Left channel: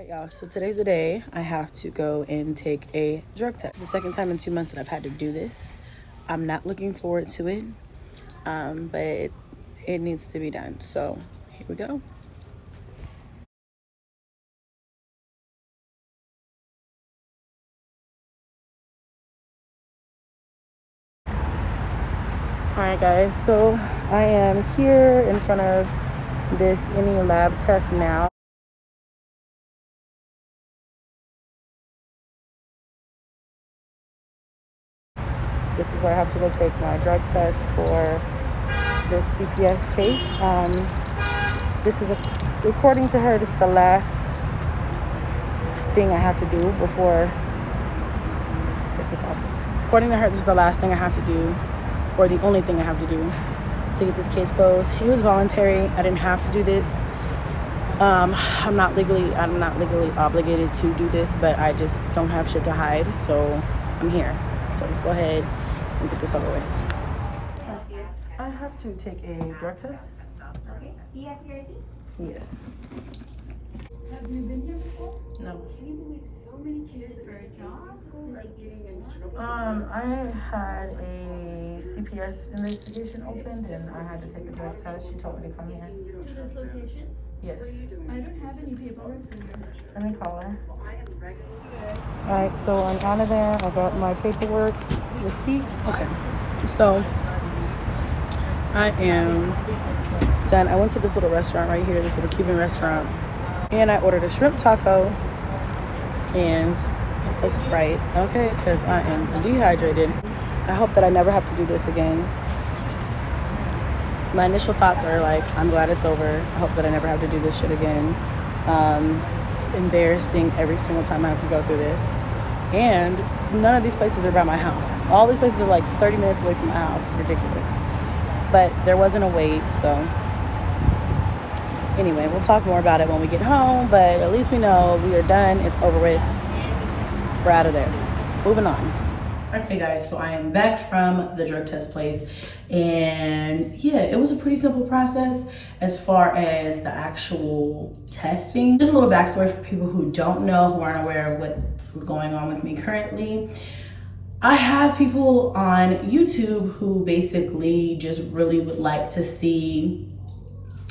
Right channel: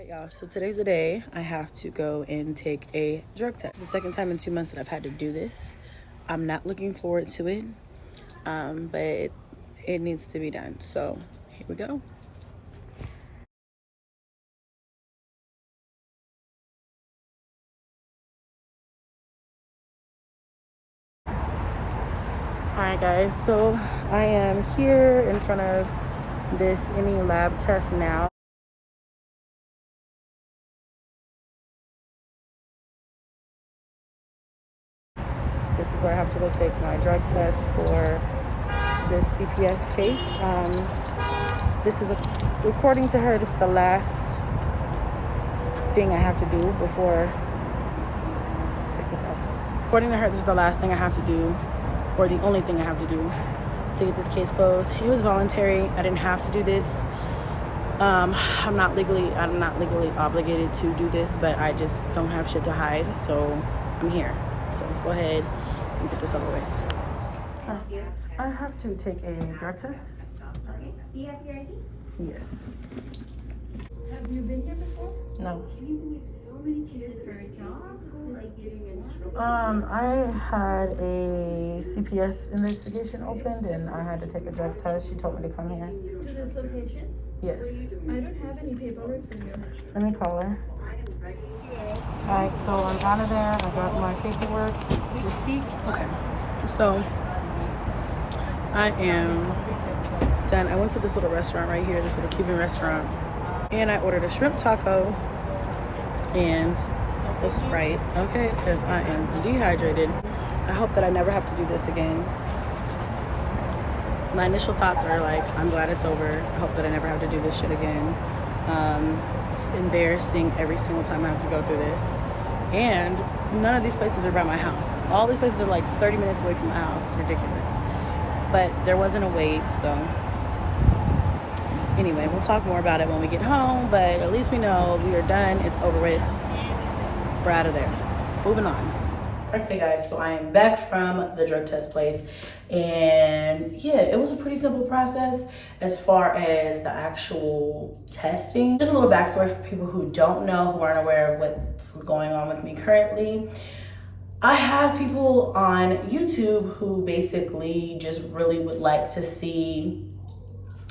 All right, y'all, so today's the day I have to go and take a drug test. It's the second time in 2 months that I've had to do this. I'm not looking forward to it, but it needs to be done. So here we go. All right, guys, so I am here in front of this any lab test now. This is where I have to go take my drug test for this CPS case. This is, according to her, this is the last thing I have to do before, take this off. According to her, this is the last thing I have to do, or the only thing I have to do to get this case closed. It was voluntary. I didn't have to do this. I'm not legally obligated to do this, but I just don't have shit to hide, so I'm here. So let's go ahead and get this over with. I have to take a drug test. Okay. Do you have your ID? Yes. Have you been here before? No. Can you believe so many kids are like getting instructed? I had a CPS investigation opened and I had to take a drug test. She told me to come here. To this location? Yes. I don't have any paperwork for you. Let me call her. Alright, so I'm out of there. I got my paperwork, receipt. Okay. So I am done. I went to this little restaurant right here, this little Cuban restaurant, and I ordered a shrimp taco and a Sprite, okay, because I am dehydrated. I hope that I never have to do this again. My initial thoughts are like, I'm glad it's over. I hope that I never have to do this shit again. It's embarrassing every single time I have to go through this. And none of these places are by my house. All these places are like 30 minutes away from my house. It's ridiculous. But there wasn't a wait, so anyway, we'll talk more about it when we get home, but at least we know we are done. It's over with. We're out of there. Moving on. Okay, guys, so I am back from the drug test place, and yeah, it was a pretty simple process as far as the actual testing. Just a little backstory for people who don't know, who aren't aware of what's going on with me currently. I have people on YouTube who basically just really would like to see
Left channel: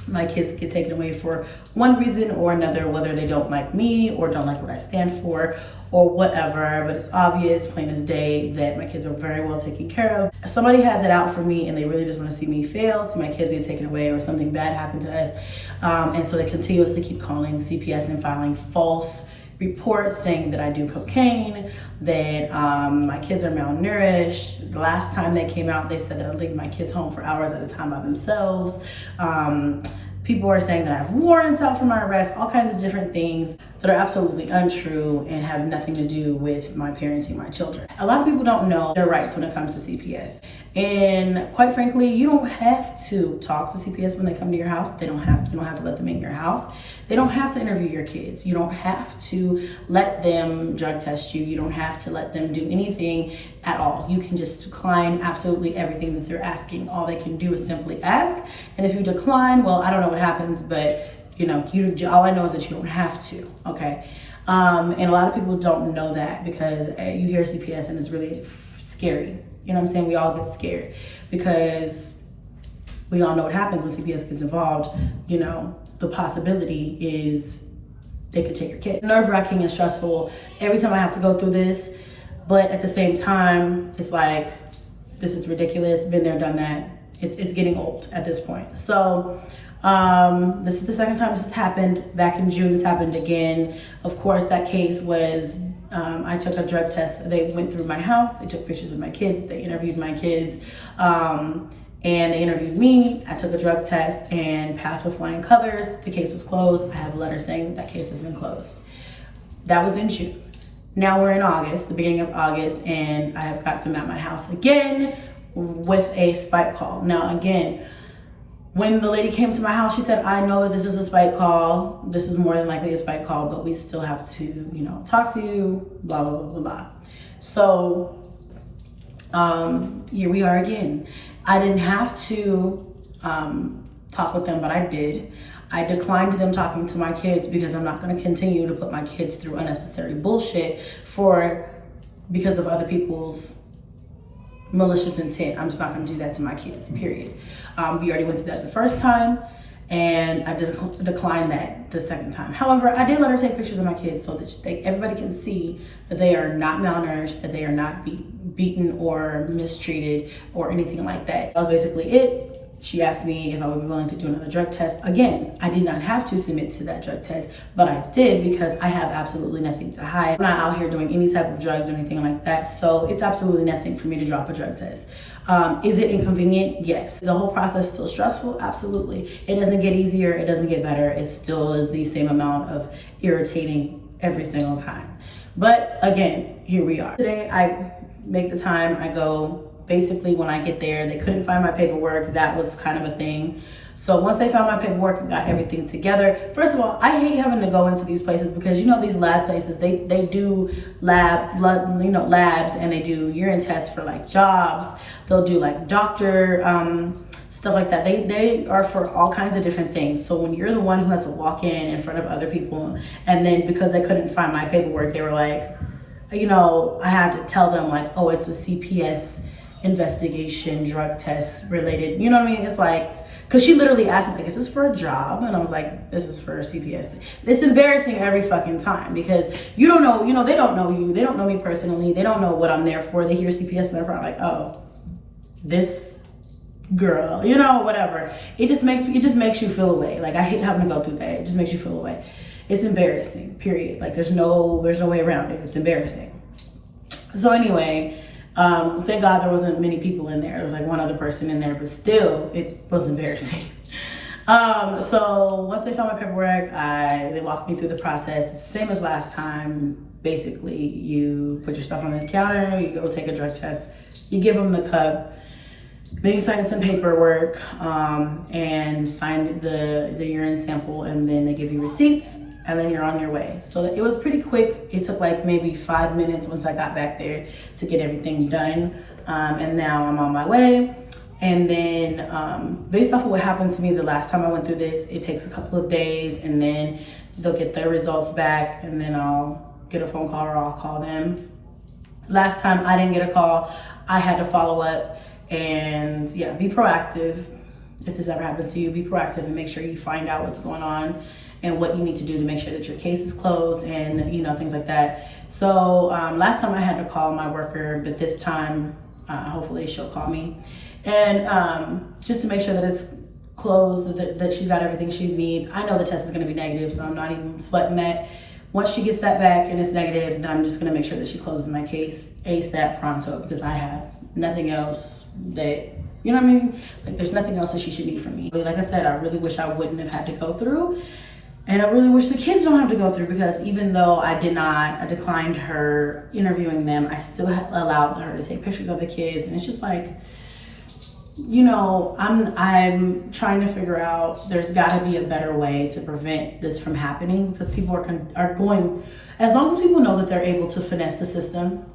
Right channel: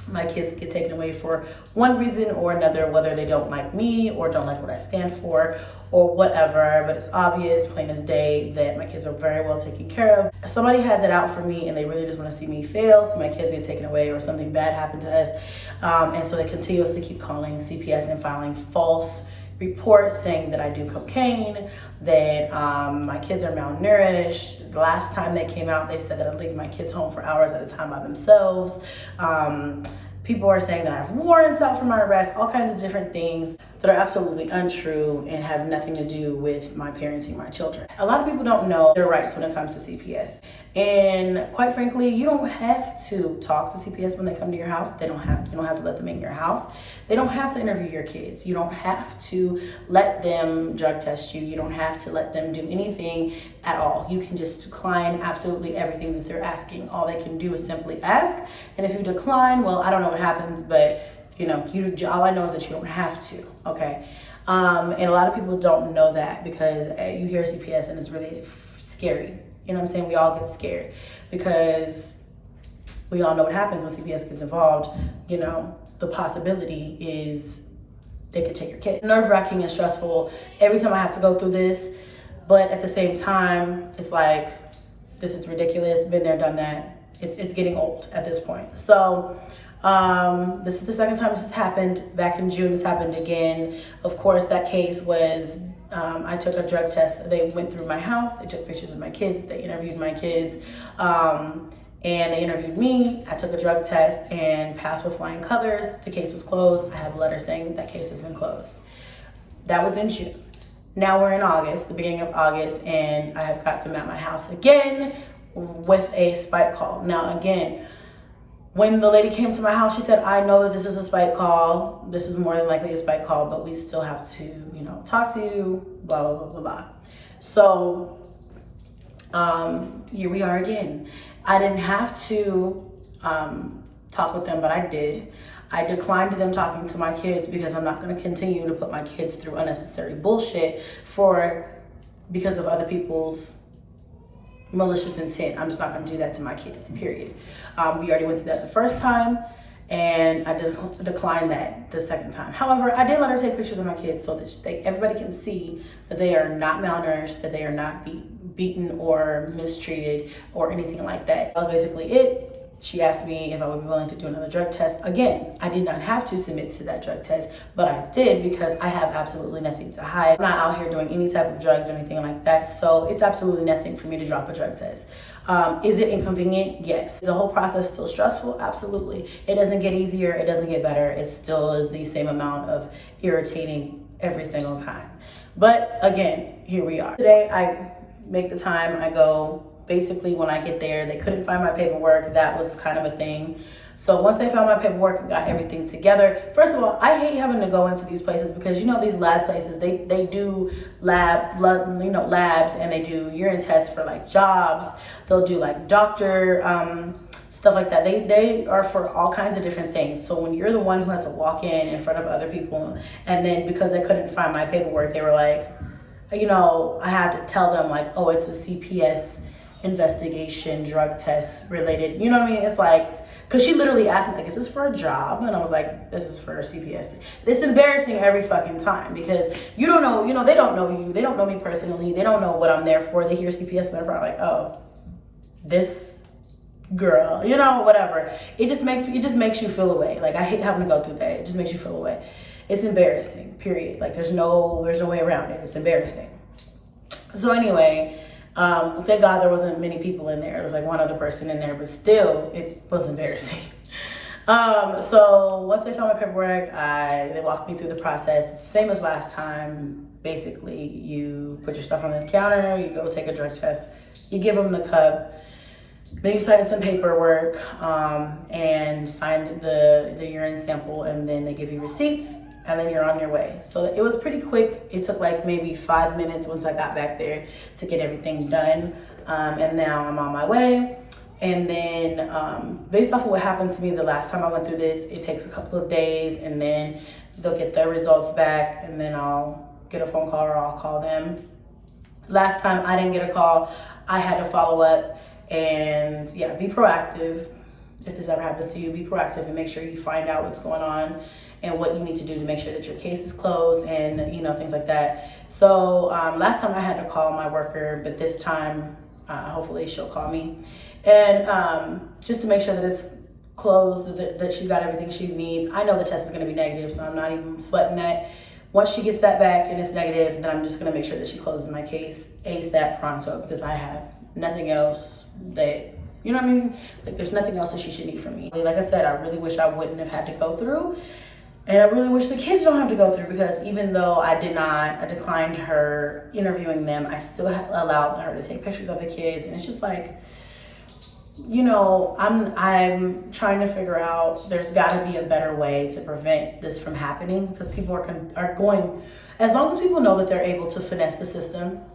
my kids get taken away for one reason or another, whether they don't like me or don't like what I stand for or whatever, but it's obvious, plain as day, that my kids are very well taken care of. Somebody has it out for me and they really just want to see me fail, see my kids get taken away or something bad happen to us, and so they continuously keep calling CPS and filing false reports saying that I do cocaine, that my kids are malnourished. The last time they came out, they said that I leave my kids home for hours at a time by themselves. People are saying that I have warrants out for my arrest, all kinds of different things that are absolutely untrue and have nothing to do with my parenting my children. A lot of people don't know their rights when it comes to CPS. And quite frankly, you don't have to talk to CPS when they come to your house. You don't have to let them in your house. They don't have to interview your kids. You don't have to let them drug test you. You don't have to let them do anything at all. You can just decline absolutely everything that they're asking. All they can do is simply ask. And if you decline, well, I don't know what happens, but you know, all I know is that you don't have to, okay? And a lot of people don't know that because you hear CPS and it's really scary. You know what I'm saying? We all get scared because we all know what happens when CPS gets involved. You know, the possibility is they could take your kid. Nerve-wracking and stressful every time I have to go through this, but at the same time, it's like, this is ridiculous, been there, done that. It's getting old at this point. So this is the second time this has happened. Back in June, this happened again. Of course, that case was, I took a drug test. They went through my house. They took pictures of my kids. They interviewed my kids. And they interviewed me. I took a drug test and passed with flying colors. The case was closed. I have a letter saying that case has been closed. That was in June. Now we're in August, the beginning of August, and I have got them at my house again with a spike call. Now, again, when the lady came to my house, she said, I know that this is a spike call. This is more than likely a spike call, but we still have to, you know, talk to you, blah, blah, blah, blah, blah. So here we are again. I didn't have to talk with them, but I did. I declined them talking to my kids because I'm not going to continue to put my kids through unnecessary bullshit because of other people's malicious intent. I'm just not going to do that to my kids, period. We already went through that the first time, and I just declined that the second time. However, I did let her take pictures of my kids so that everybody can see that they are not malnourished, that they are not beaten or mistreated or anything like that. That was basically it. She asked me if I would be willing to do another drug test. Again, I did not have to submit to that drug test, but I did because I have absolutely nothing to hide. I'm not out here doing any type of drugs or anything like that, so it's absolutely nothing for me to drop a drug test. Is it inconvenient? Yes. The whole process still stressful? Absolutely. It doesn't get easier, it doesn't get better. It still is the same amount of irritating every single time. But again, here we are. Today I make the time, I go. Basically, when I get there, they couldn't find my paperwork. That was kind of a thing. So once they found my paperwork and got everything together, first of all, I hate having to go into these places because, you know, these lab places, they do labs, and they do urine tests for like jobs. They'll do like doctor stuff like that. They are for all kinds of different things. So when you're the one who has to walk in front of other people, and then because they couldn't find my paperwork, they were like, you know, I had to tell them like, oh, it's a CPS investigation, drug test related, you know what I mean? It's like, because she literally asked me, like, is this for a job? And I was like, this is for a CPS. It's embarrassing every fucking time because you don't know, you know, they don't know you. They don't know me personally. They don't know what I'm there for. They hear CPS and they're probably like, oh, this girl, you know, whatever. It just makes you feel away. Like, I hate having to go through that. It just makes you feel away. It's embarrassing, period. Like, there's no way around it. It's embarrassing. So anyway, thank God there wasn't many people in there. There was like one other person in there, but still, it was embarrassing. So once they found my paperwork, they walked me through the process. It's the same as last time. Basically, you put your stuff on the counter, you go take a drug test, you give them the cup, then you sign some paperwork, and sign the urine sample, and then they give you receipts, and then you're on your way. So it was pretty quick. It took like maybe 5 minutes once I got back there to get everything done. And now I'm on my way. And then based off of what happened to me the last time I went through this, it takes a couple of days, and then they'll get their results back, and then I'll get a phone call or I'll call them. Last time I didn't get a call. I had to follow up, and yeah, be proactive. If this ever happens to you, be proactive and make sure you find out what's going on and what you need to do to make sure that your case is closed, and you know, things like that. So last time I had to call my worker, but this time hopefully she'll call me, and just to make sure that it's closed, that she got everything she needs. I know the test is going to be negative, so I'm not even sweating that. Once she gets that back and it's negative, then I'm just going to make sure that she closes my case ASAP pronto, because I have nothing else that, you know what I mean? Like, there's nothing else that she should need from me. Like I said, I really wish I wouldn't have had to go through. And I really wish the kids don't have to go through, because even though I declined her interviewing them, I still allowed her to take pictures of the kids. And it's just like, you know, I'm trying to figure out, there's got to be a better way to prevent this from happening, because people are going, as long as people know that they're able to finesse the system,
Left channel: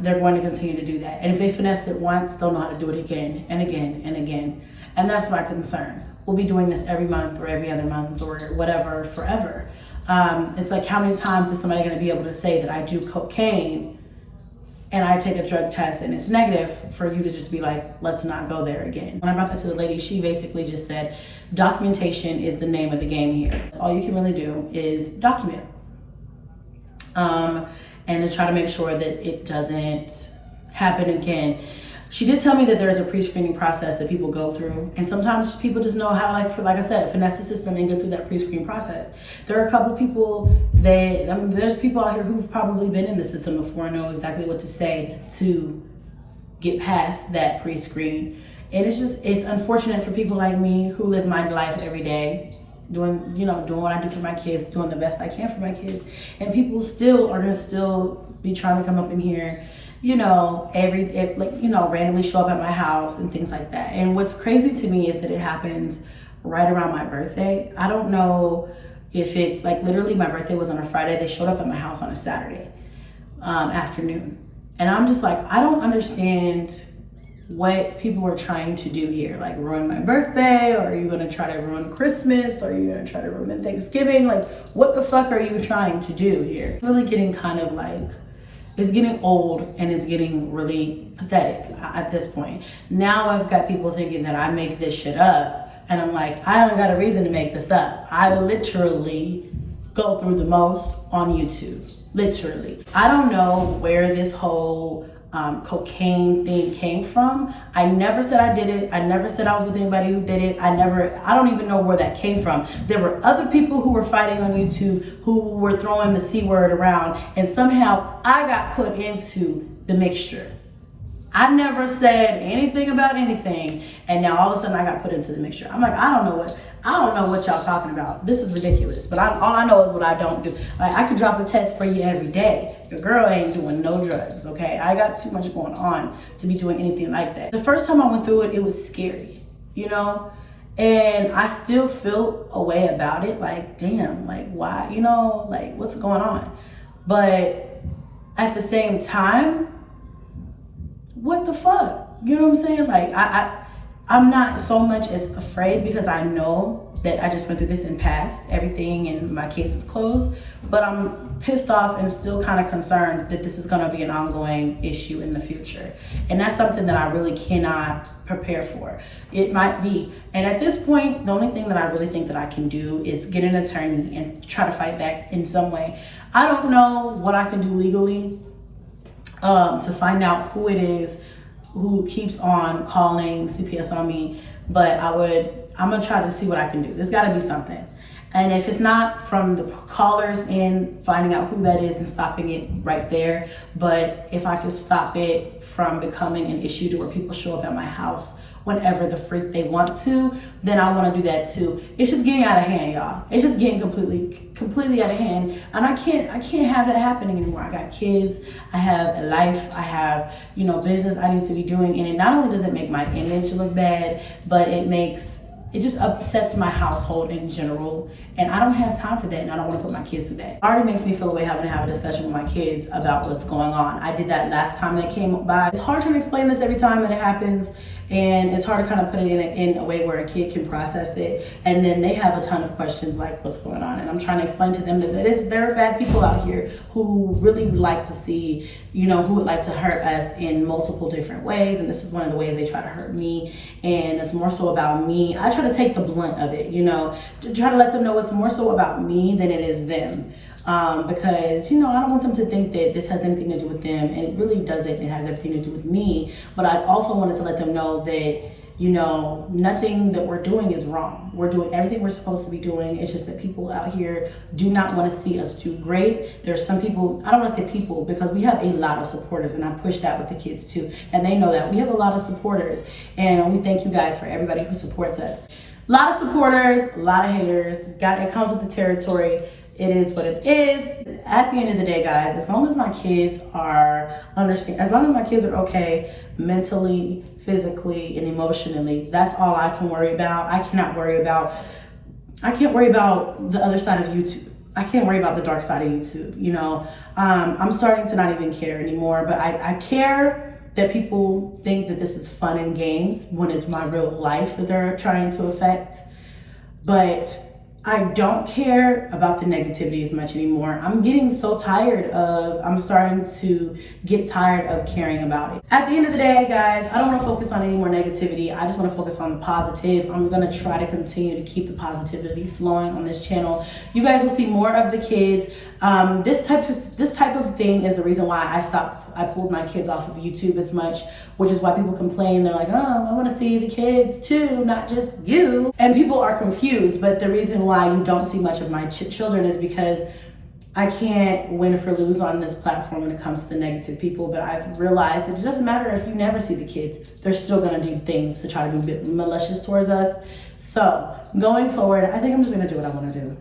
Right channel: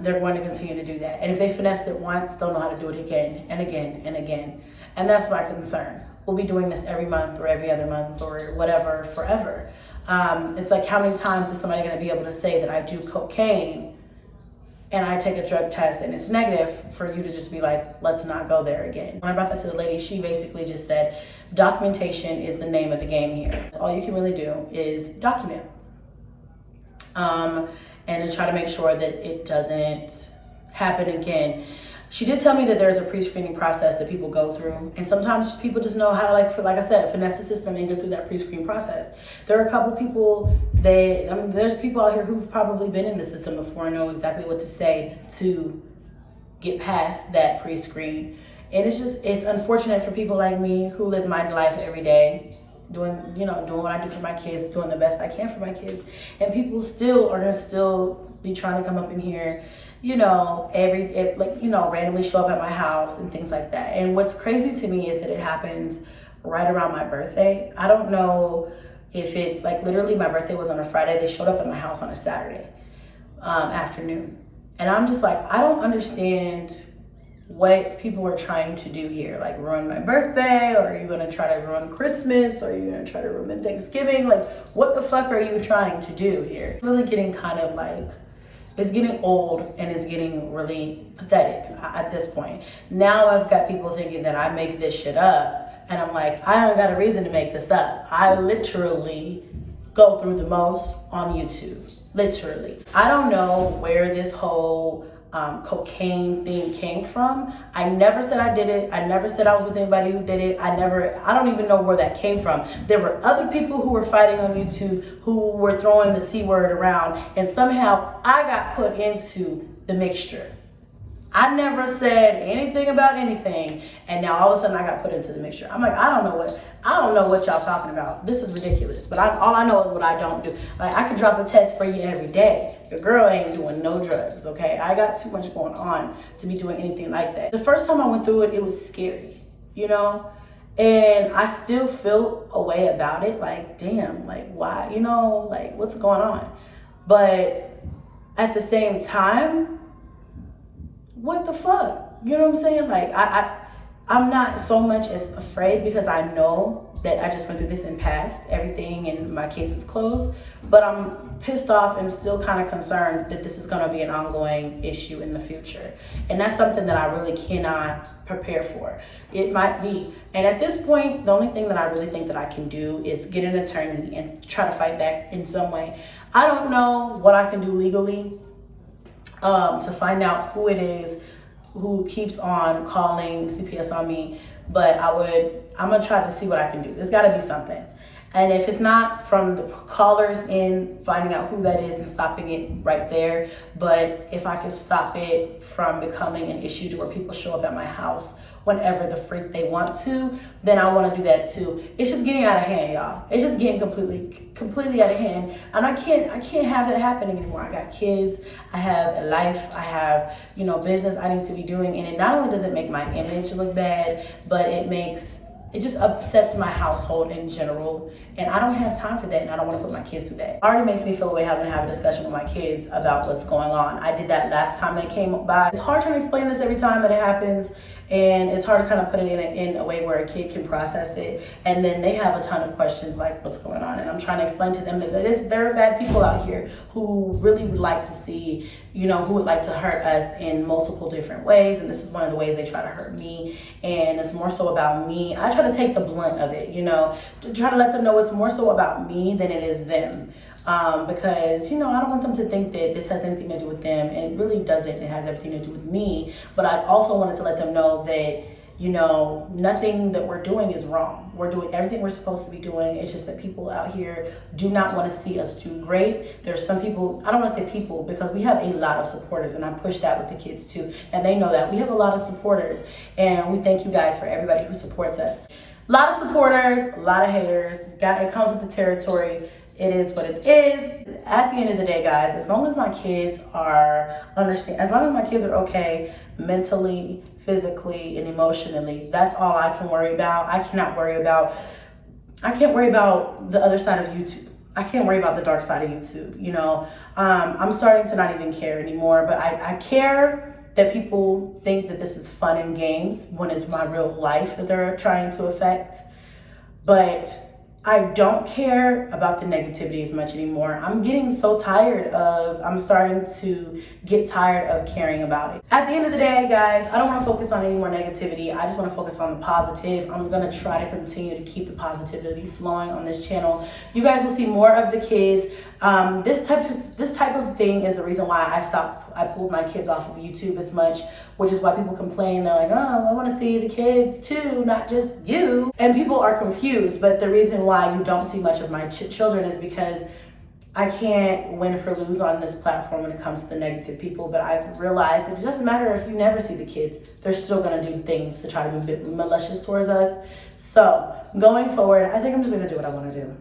they're going to continue to do that. And if they finessed it once, they'll know how to do it again and again and again. And that's my concern. We'll be doing this every month or every other month or whatever forever. It's like, how many times is somebody going to be able to say that I do cocaine and I take a drug test and it's negative, for you to just be like, let's not go there again? When I brought that to the lady, she basically just said, documentation is the name of the game here. All you can really do is document. And to try to make sure that it doesn't happen again. She did tell me that there's a pre-screening process that people go through, and sometimes people just know how, like I said, finesse the system and get through that pre-screen process. There are a couple people there's people out here who've probably been in the system before and know exactly what to say to get past that pre-screen. And it's unfortunate for people like me who live my life every day, doing what I do for my kids, doing the best I can for my kids, and people still are gonna be trying to come up in here, randomly show up at my house and things like that. And what's crazy to me is that it happens right around my birthday. I don't know if it's like, literally my birthday was on a Friday. They showed up at my house on a Saturday afternoon. And I'm just like, I don't understand what people were trying to do here, like ruin my birthday, or are you gonna try to ruin Christmas, or are you gonna try to ruin Thanksgiving? Like, what the fuck are you trying to do here? It's really getting kind of like, it's getting old and it's getting really pathetic at this point. Now I've got people thinking that I make this shit up, and I'm like, I don't got a reason to make this up. I literally go through the most on YouTube, literally. I don't know where this whole cocaine thing came from. I never said I did it. I never said I was with anybody who did it. I don't even know where that came from. There were other people who were fighting on YouTube who were throwing the C word around, and somehow I got put into the mixture. I never said anything about anything, and now all of a sudden I got put into the mixture. I'm like, I don't know what y'all talking about. This is ridiculous. But all I know is what I don't do. Like, I could drop a test for you every day. Your girl ain't doing no drugs, okay? I got too much going on to be doing anything like that. The first time I went through it, it was scary, you know? And I still feel a way about it. Like, damn, like, why, you know, like, what's going on? But at the same time, what the fuck? You know what I'm saying? Like, I'm not so much as afraid because I know that I just went through this and passed everything and my case is closed, but I'm pissed off and still kind of concerned that this is gonna be an ongoing issue in the future. And that's something that I really cannot prepare for. It might be. And at this point, the only thing that I really think that I can do is get an attorney and try to fight back in some way. I don't know what I can do legally to find out who it is who keeps on calling CPS on me, but I'm gonna try to see what I can do. There's gotta be something. And if it's not from the callers in, finding out who that is and stopping it right there, but if I could stop it from becoming an issue to where people show up at my house whenever the freak they want to, then I want to do that too. It's just getting out of hand, y'all. It's just getting completely out of hand, and I can't have that happening anymore. I got kids, I have a life, I have, you know, business I need to be doing, and it not only does it make my image look bad, but it just upsets my household in general, and I don't have time for that, and I don't want to put my kids through that. It already makes me feel away having to have a discussion with my kids about what's going on. I did that last time they came by. It's hard trying to explain this every time that it happens, and it's hard to kind of put it in a way where a kid can process it, and then they have a ton of questions like, what's going on? And I'm trying to explain to them that there are bad people out here who really would like to see, you know, who would like to hurt us in multiple different ways, and this is one of the ways they try to hurt me, and it's more so about me. I try to take the blunt of it, you know, to try to let them know it's more so about me than it is them. Because, you know, I don't want them to think that this has anything to do with them, and it really doesn't. It has everything to do with me. But I also wanted to let them know that, you know, nothing that we're doing is wrong. We're doing everything we're supposed to be doing. It's just that people out here do not want to see us do great. There's some people, I don't want to say people, because we have a lot of supporters, and I push that with the kids too. And they know that. We have a lot of supporters, and we thank you guys for everybody who supports us. A lot of supporters, a lot of haters. It comes with the territory. It is what it is. At the end of the day, guys, as long as my kids are as long as my kids are okay mentally, physically, and emotionally, that's all I can worry about. I can't worry about the other side of YouTube. I can't worry about the dark side of YouTube, you know. I'm starting to not even care anymore, but I care that people think that this is fun and games when it's my real life that they're trying to affect. But I don't care about the negativity as much anymore. I'm starting to get tired of caring about it. At the end of the day, guys, I don't want to focus on any more negativity. I just want to focus on the positive. I'm going to try to continue to keep the positivity flowing on this channel. You guys will see more of the kids. This type of thing is the reason why I pulled my kids off of YouTube as much, which is why people complain. They're like, oh, I want to see the kids too, not just you. And people are confused, but the reason why you don't see much of my children is because I can't win or lose on this platform when it comes to the negative people. But I've realized that it doesn't matter if you never see the kids, they're still gonna do things to try to be malicious towards us. So going forward, I think I'm just gonna do what I wanna do.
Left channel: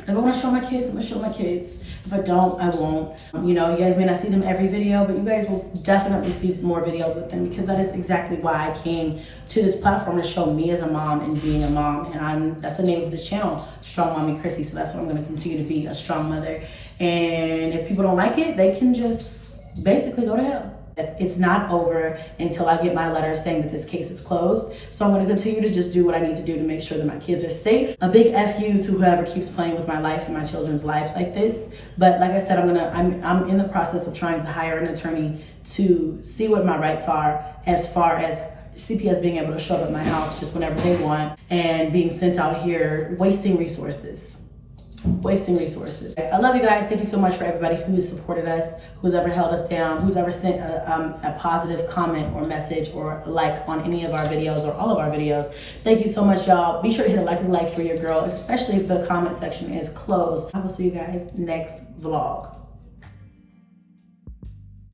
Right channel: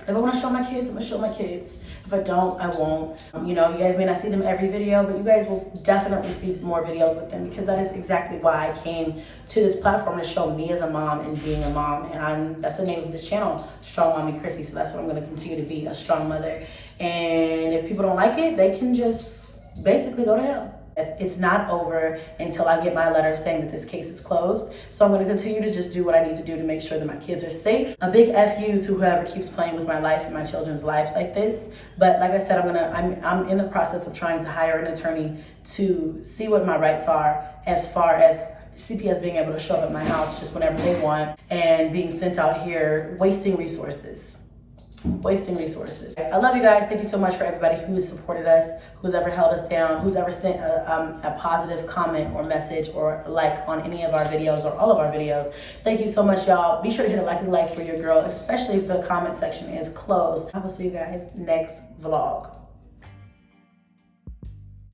If I want to show my kids, I'm going to show my kids. If I don't, I won't. You know, you guys may not see them every video, but you guys will definitely see more videos with them, because that is exactly why I came to this platform, to show me as a mom and being a mom. And that's the name of this channel, Strongmommychrissy. So that's what I'm going to continue to be, a strong mother. And if people don't like it, they can just basically go to hell. It's not over until I get my letter saying that this case is closed. So I'm going to continue to just do what I need to do to make sure that my kids are safe. A big F you to whoever keeps playing with my life and my children's lives like this. But like I said, I'm in the process of trying to hire an attorney to see what my rights are as far as CPS being able to show up at my house just whenever they want and being sent out here wasting resources. I love you guys. Thank you so much for everybody who has supported us, who's ever held us down, who's ever sent a positive comment or message or like on any of our videos or all of our videos. Thank you so much, y'all. Be sure to hit a like for your girl, especially if the comment section is closed. I will see you guys next vlog.